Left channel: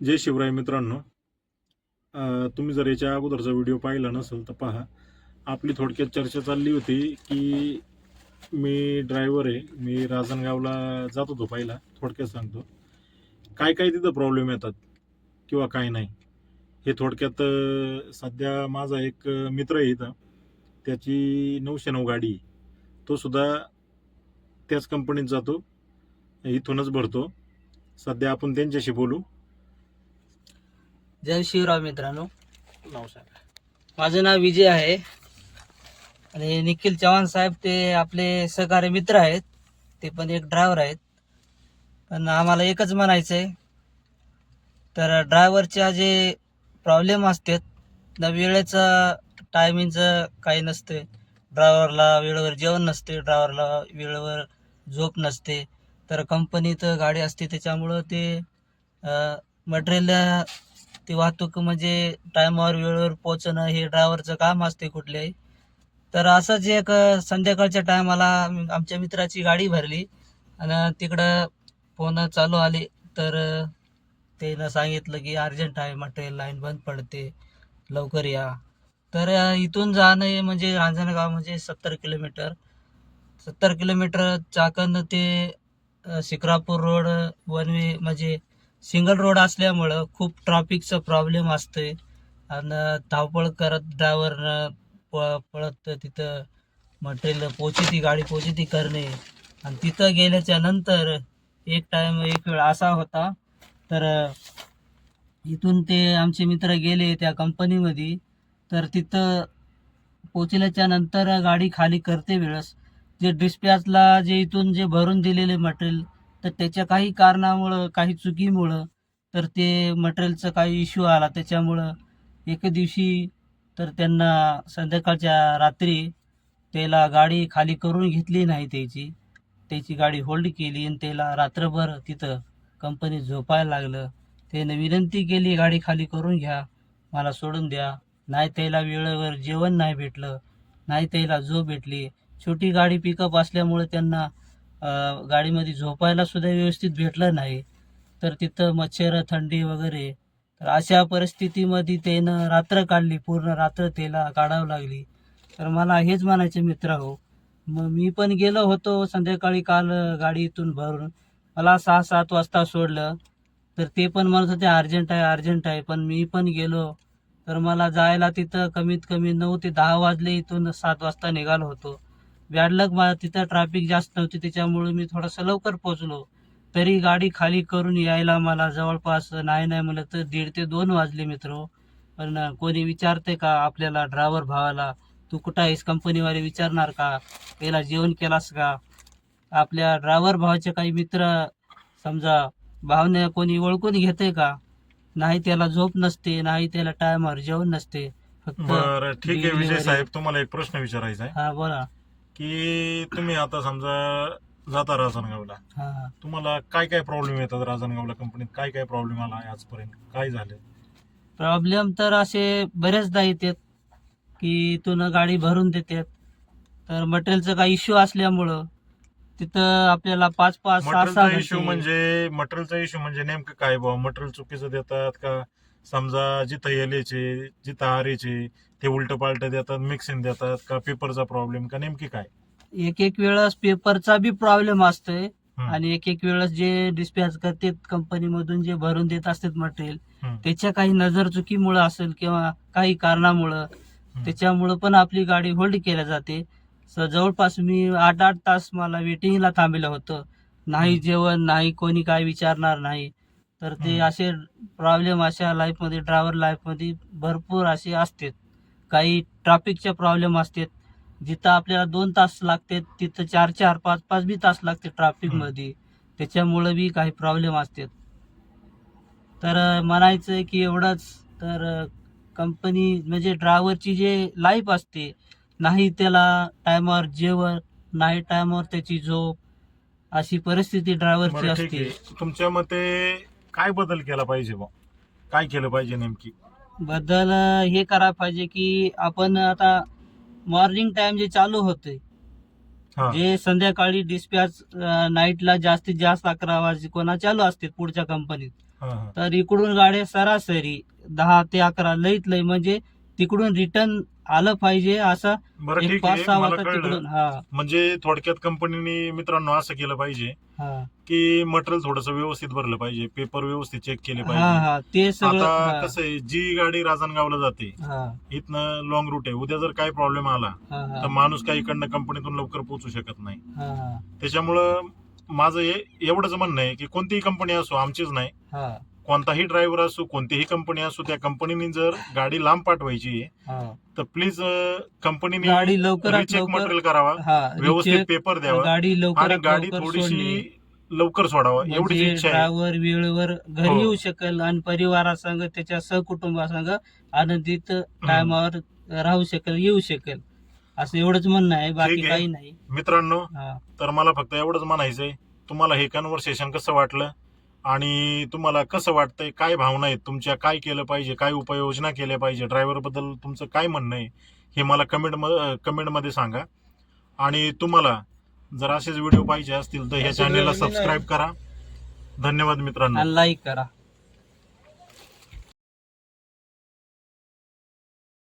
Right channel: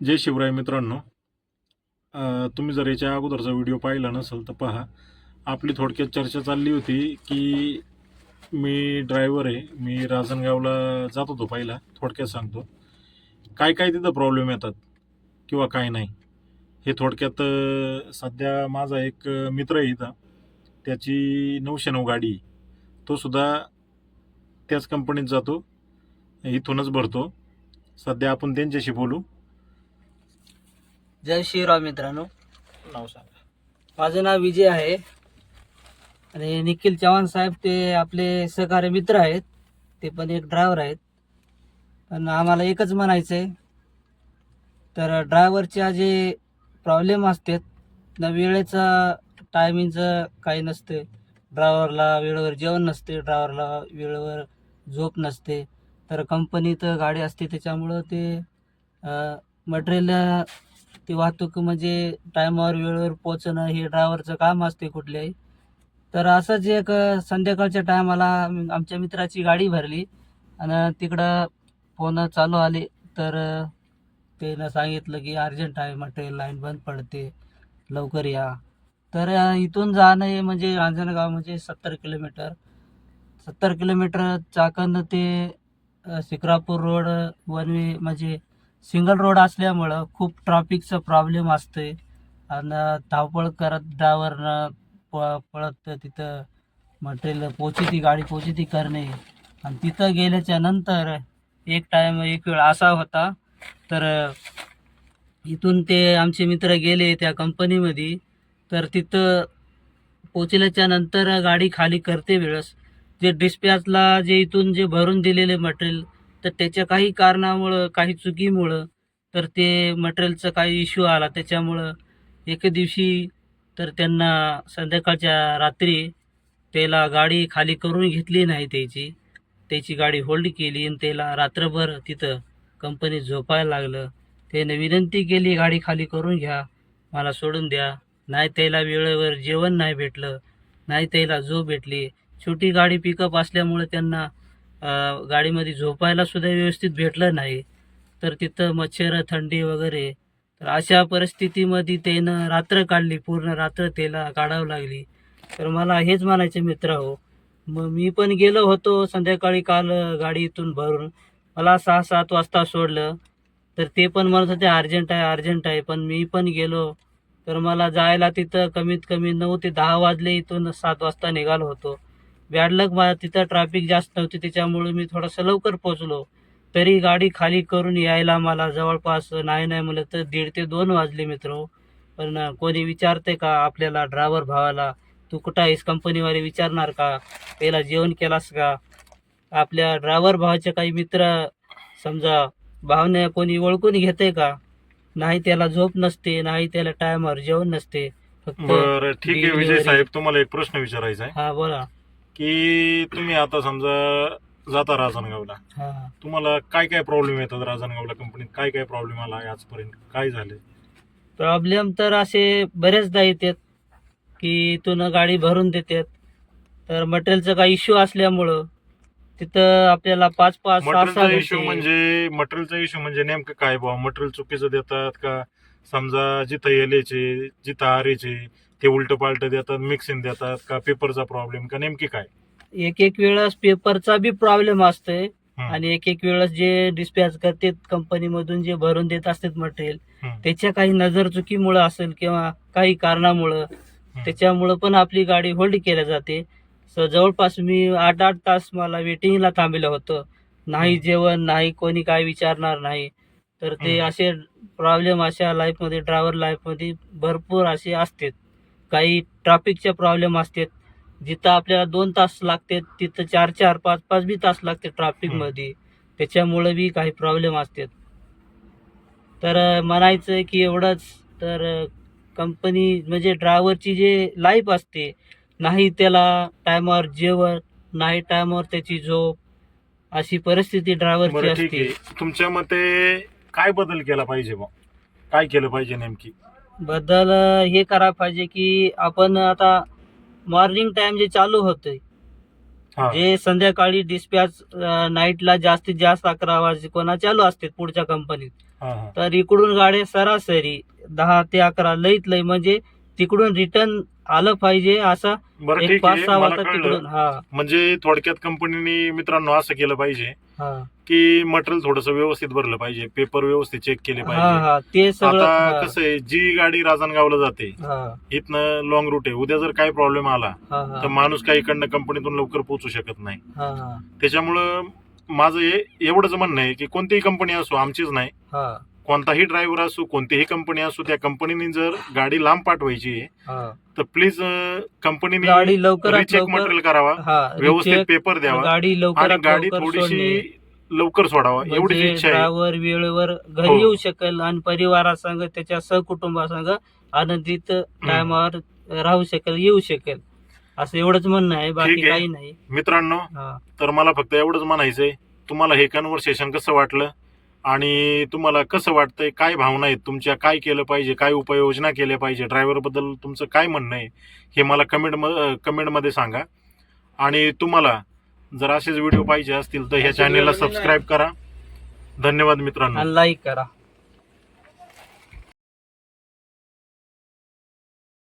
जय शिवराय मित्रांनो. तुम्ही जर याच्या अगोदरचा व्हिडिओ पाहिला नसेल तर पहा. आपली थोडक्यात चर्चा चालली होती की मी ड्रायव्हर आहे. मी राजनगावला जात होतो पहिला. थोडक्यात सांगतो. काय काय तिथं प्रॉब्लेम येतात किंवा काय नाही. हे थोडक्यात सध्या माझा एक मित्र आहे इथं. त्याची 909 गाडी आहे. तो सुद्धा त्याच कंपनीत जातो. इथूनच भरतो. सध्या आपण त्यांच्याशी बोलू. जय शिवराम मित्रांनो, नाव सांगा. माझं नाव विजय आहे आणि निखिल चव्हाण साहेब ते आपले सहकारी मित्र आहेत. ते पण एक ड्रायव्हर आहेत. पण आम्हाला एकच म्हणायचं आहे, तर ड्रायव्हरच्या जे प्रॉब्लेम असतात ना, वेळेचं टायमिंगचं काही नसते. ड्रायव्हरला वेळेवर जेवण नसते, ड्रायव्हरला वेळेवर झोप नसते. तर कंपनीत गाडी असते त्याच्यामुळं ते मटेरियल ती वाहतूक म्हणजे टायमावर वेळेवर पोहोचणं हे ड्रायव्हरचं काम असते कुठल्याही. तर असंच एक संध्याकाळच्या टायमाला आमच्या मित्राची गाडी भरली आणि तिकडं फोन चालू आले. तर त्यानं सांगितलं की अर्जंट आहे, मटेरियल लाईन बंद पडते, लवकर या. तर इथून जाणं हे म्हणजे रांजणगाव म्हणजे 70 किलोमीटर. 70 किलोमीटर चाकण ते शिक्रापूर रोड वन वे म्हणजे सिंगल रोड असल्यामुळं खूप ट्रॅफिकचं प्रॉब्लेम असतोय. आणि धावपळ करत ड्रायव्हरनं पळत तिथं मटेरियल पोचती गाडी पोचती करणे. आणि तिथं गेल्याच्या नंतर एक वेळ असा होता, तर इथून ते आमचे मित्र गेले त्या कंपनीमध्ये. तर तिथं पोचल्याच्या नंतर गाडी खाली करते वेळेस जे डिस्पॅचला जे इथून जे भरून दिलेले मटेरियल, तर त्याच्या काही कारणामुळं काही चुकीमुळं तर ते मटेरियलचा काही इश्यू आला. त्याच्यामुळं एके दिवशी तर त्यांना संध्याकाळच्या रात्री त्याला गाडी खाली करून घेतली नाही त्याची. त्याची गाडी होल्ड केली आणि त्याला रात्रभर तिथं कंपनीत झोपायला लागलं. त्याने विनंती केली, गाडी खाली करून घ्या, मला सोडून द्या. नाही त्याला वेळेवर जेवण नाही भेटलं, नाही त्याला झोप भेटली. छोटी गाडी पिकअप असल्यामुळे त्यांना गाडीमध्ये झोपायला सुद्धा व्यवस्थित भेटलं नाही. तर तिथं मच्छर, थंडी वगैरे. तर अशा परिस्थितीमध्ये त्यानं रात्र काढली, पूर्ण रात्र त्याला काढावं लागली. तर मला हेच म्हणायचे मित्र हो, मग मी पण गेलो होतो संध्याकाळी काल गाडी इथून भरून. मला 6-7 वाजता सोडलं. तर ते पण म्हणत होते अर्जंट आहे, अर्जंट आहे. पण मी पण गेलो. तर मला जायला तिथं कमीत कमी 9 ते 10 वाजले. इथून 7 वाजता निघालो होतो. बॅड लक मला तिथं ट्रॅफिक जास्त नव्हती त्याच्यामुळे मी थोडंसं लवकर पोहोचलो. तरी गाडी खाली करून यायला मला जवळपास नाही नाही म्हणलं तर 1:30 ते 2 वाजले मित्र. पण कोणी विचारते का आपल्याला ड्रायव्हर भावाला, तू कुठं आहेस? कंपनीवाले विचारणार का? त्याला जेवण केलास का? आपल्या ड्रायव्हर भावाचे काही मित्र समजा भावने कोणी ओळखून घेते का? नाही त्याला झोप नसते, नाही त्याला टायमावर जेवण नसते. फक्त बरं, ठीक आहे विजय डिलिव्हरी. साहेब. तुम्हाला एक प्रश्न विचारायचा आहे हां, बोला. की तुम्ही आता समजा जाता राजनगावला. हां. तुम्हाला काय काय प्रॉब्लेम येतात राजनगावला कंपनीत? काय काय प्रॉब्लेम आला आहे आजपर्यंत? काय झाले? प्रॉब्लेम तर असे बरेचदा येतात, की इथून गाडी भरून देतात. तर मटेरियलचा काही इश्यू असल्यामुळं तिथं आपल्याला 5-5, 6-6 मटेरियलचा इश्यू घंटे. म्हणजे मटेरियलचा इश्यू म्हणजे नेमकं काय बुवा? मटेरियल चुकीचं देतात का? समजा जिथं एलएचे, जिथं आरएचे ते उलटं पालटं देतात, मिक्सिंग देतात का? पेपरचा प्रॉब्लेम का? नेमकी काय? एक वेळेस पेपरचा बी प्रॉब्लेम असतोय. हं, आणि एक वेळेस जे डिस्पॅच करतात कंपनीमधून जे भरून देत असतात मटेरियल, हं, त्याच्या काही नजर चुकीमुळं असेल किंवा काही कारणामुळं हं, त्याच्यामुळं पण आपली गाडी होल्ड केल्या जाते. जवळपास मी 8-8 तास मला वेटिंगला थांबलेलं होतं. नाही हं, जेवण, नाही कोणी काय विचारणार नाही. तर ते हं, असे प्रॉब्लेम अशा लाईफमध्ये, ड्रायव्हर लाईफमध्ये भरपूर असे असतात. काही ट्रॅफिकचे प्रॉब्लेम असतात. जिथं आपल्याला 2 तास लागतात, तिथं 4-4, 5-5 बी तास लागते हं. ट्रॅफिकमध्ये. त्याच्यामुळं बी काही प्रॉब्लेम असतात. तर म्हणायचं आहे की एवढंच. तर कंपनी म्हणजे ड्रायव्हरची जी लाईफ असते, नाही त्याला टायमावर जेवण, नाही टायमावर त्याची झोप, अशी परिस्थिती ड्रायव्हरची बरं, ठीक असते. आहे. तुमच्या मते काय बदल केला पाहिजे बुवा? काय केलं पाहिजे नेमकी? बदल हे करायला पाहिजे की आपण आता मॉर्निंग टाईम जे चालू होतंय, हा. जे संध्याकाळी डिस्पॅच नाईटला जास्तीत जास्त 11 वाजे कोणा चालू असते पुढच्या कंपनीत, हा, हा. तर इकडून गाड्या सरासरी 10 ते 11 लईत लई म्हणजे तिकडून रिटर्न आलं पाहिजे असं बरं एक ठीक 5-6 आहे, मला वाजता कळलं. तिकडून. हा म्हणजे थोडक्यात कंपनीने मित्रांनो असं केलं पाहिजे हा की मटेरियल थोडस व्यवस्थित भरलं पाहिजे, पेपर व्यवस्थित चेक केले हा पाहिजे. हा ते सगळं. आता हा कसं आहे, जी गाडी राजनगावला जाते हा इथनं लॉंग रूट आहे, उद्या जर काही प्रॉब्लेम आला हा तर माणूस काही इकडनं कंपनीतून लवकर पोहोचू शकत नाही. हा हा त्याच्यामुळं माझं हे एवढंच म्हणणं आहे की कोणतीही कंपनी असो, आमचीच नाही, हा कोणताही ड्रायव्हर असो, कोणतीही कंपनी असो, त्या कंपनीने जर गाडी लांब पाठवायची आहे हा तर प्लीज कंपनीने गाडी लवकरात रिचेक लवकर. मटेरियल करावा, हा व्यवस्थित रिचेक, पेपर द्यावा गाडी आणि लवकरात गाडी लवकर थोडीशी सोडणे, लवकर सोडावा, एवढीच म्हणजे इच्छा आहे. ड्रायव्हर वेळेवर घरी हो. येऊ शकेल आणि परिवारासंग त्याच्या सहकुटुंबासंग आनंदित टायमावर राहू शकेल, येऊ शकेल, असं एवढंच म्हणणं आहे, बाकी ठीक आहे. काही नाही. मित्रांनो, हा तर मला फक्त एवढंच म्हणायचंय, तुम्हाला हे कन्व्हर्सेशन कसं वाटलं आणि तुम्हाला कसं वाटतंय, काय भावना आहेत तुमच्या, काय केलं पाहिजे, काय उपाययोजना केल्या पाहिजे, ड्रायव्हर बद्दल तुमचं काय म्हणणं आहे हे मला कमेंटमध्ये सांगा. आणि तुम्हाला जर असेच व्हिडिओ पाहिजे असतील तर ह्या चॅनेलला सबस्क्राईब करा. धन्यवाद मित्रांनो. आणि लाईक करा.